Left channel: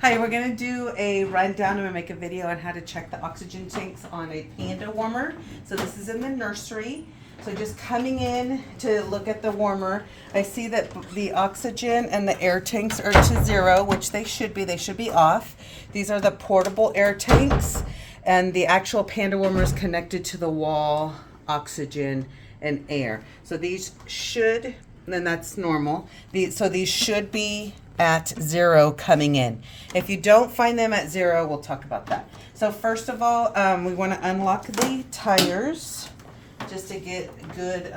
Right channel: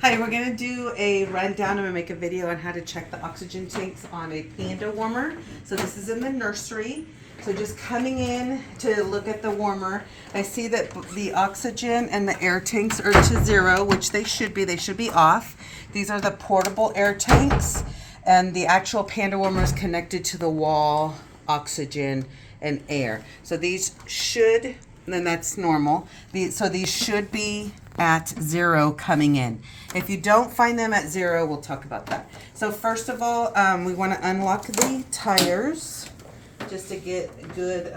Hi, we're going to do a rundown. I'm going to make a video on how to check the oxygen tanks on a Panda warmer. So this is in the nursery. So just coming in to look at the warmer, I see that the oxygen and the air tanks are to 0, which they should be. They should be off. These are the portable air tanks, and the actual Panda warmer is connected to the wall, oxygen and air. So these should, and that's normal. So these should be at 0 coming in. If you don't find them at 0, we'll talk about that. So first of all, we want to unlock the tires just to get good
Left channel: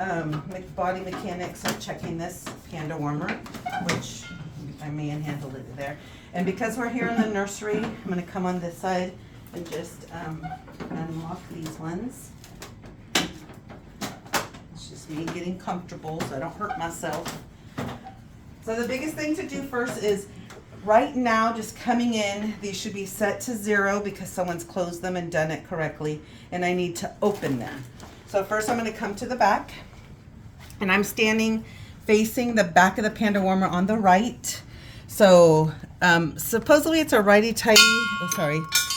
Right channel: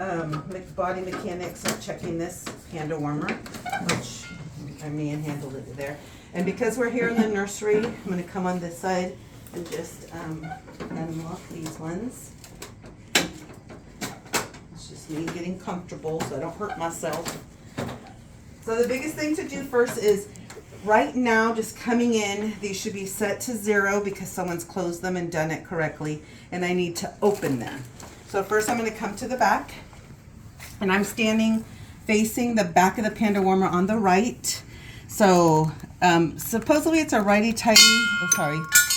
body mechanics of checking this Panda warmer, which I manhandled it there. And because we're here in the nursery, I'm going to come on this side and just unlock these ones. It's just me getting comfortable so I don't hurt myself. So the biggest thing to do first is right now, just coming in, these should be set to 0 because someone's closed them and done it correctly, and I need to open them. So first I'm going to come to the back, and I'm standing facing the back of the Panda warmer on the right. So supposedly it's a righty-tighty,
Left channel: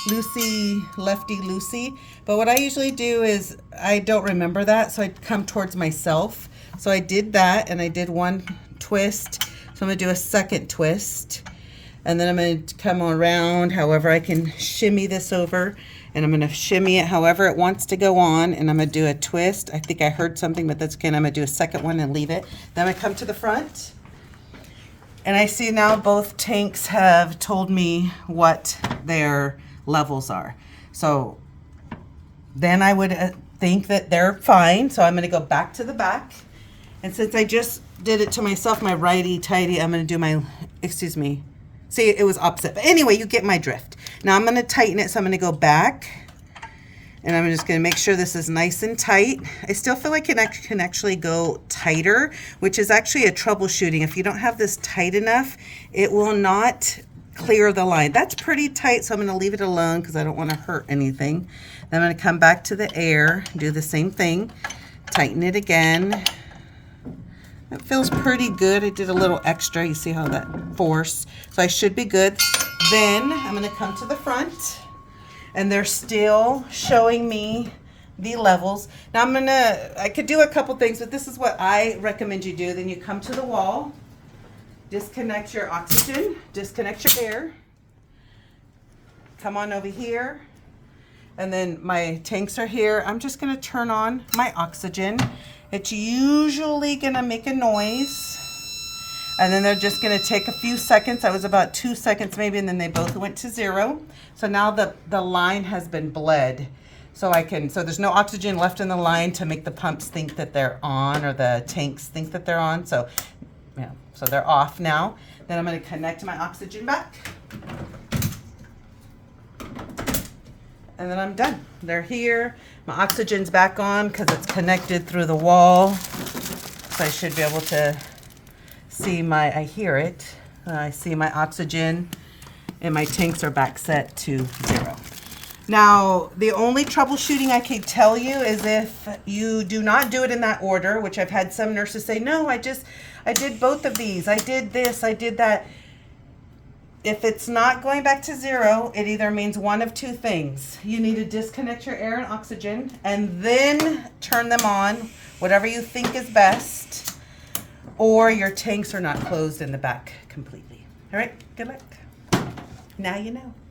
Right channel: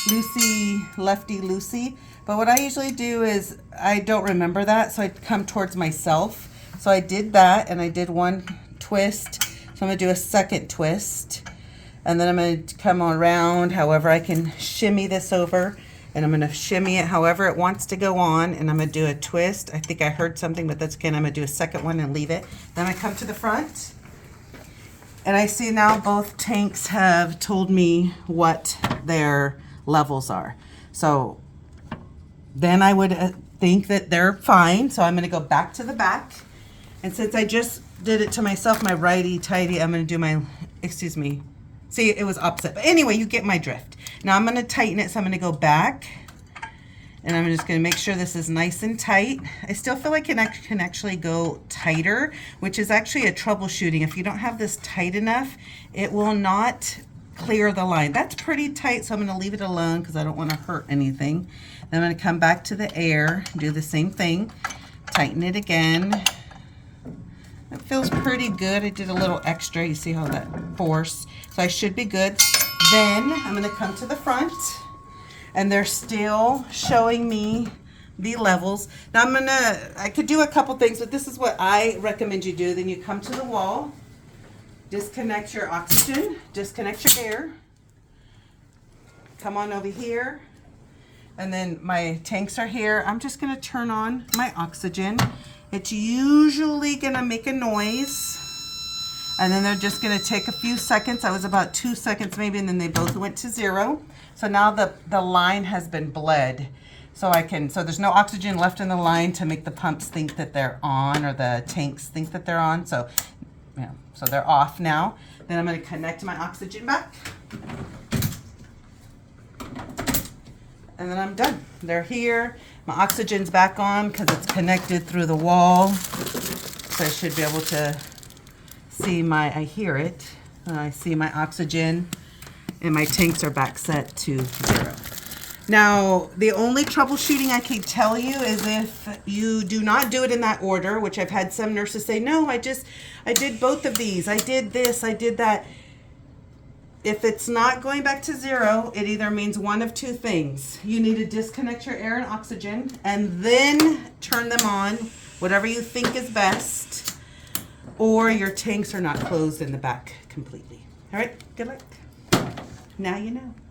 loosey, lefty-loosey, but what I usually do is I don't remember that, so I come towards myself. So I did that, and I did one twist. So I'm going to do a second twist, and then I'm going to come around however I can shimmy this over, and I'm going to shimmy it however it wants to go on, and I'm going to do a twist. I think I heard something, but that's okay. I'm going to do a second one and leave it. Then I come to the front, and I see now both tanks have told me what their levels are. So then I would think that they're fine. So I'm going to go back to the back, and since I just did it to myself, my righty-tighty, I'm going to do my, see, it was opposite. But anyway, you get my drift. Now I'm going to tighten it, so I'm going to go back, and I'm just going to make sure this is nice and tight. I still feel like it can actually go tighter, which is actually a troubleshooting. If you don't have this tight enough, it will not clear the line. That's pretty tight, so I'm going to leave it alone because I don't want to hurt anything. Then I'm going to come back to the air, do the same thing, tighten it again. It feels pretty good. I did a little extra. You see how that force. So I should be good. Then I'm going to come to the front, and they're still showing me the levels. Now I could do a couple things, but this is what I recommend you do. Then you come to the wall, disconnect your oxygen, disconnect your air, come on over here, and then my tanks are here. I'm just going to turn on my oxygen. It's usually going to make a noise, and then they're just going to take a few seconds. That was about 2 seconds maybe, and then they both went to 0. So now the line has been bled. So there's no oxygen left in the line to make the pumps think that they're on, or the tanks think that they're on. So, yeah, so they're off now. Then I'm going to connect my oxygen back, and then I'm done. They're here. My oxygen's back on because it's connected through the wall. So I should be able to see I hear it. I see my oxygen, and my tanks are back set to 0. Now, the only troubleshooting I can tell you is if you do not do it in that order, which I've had some nurses say, no, I did both of these. I did this, I did that. If it's not going back to 0, it either means one of two things. You need to disconnect your air and oxygen and then turn them on, whatever you think is best, or your tanks are not closed in the back completely. All right, good luck. Now you know.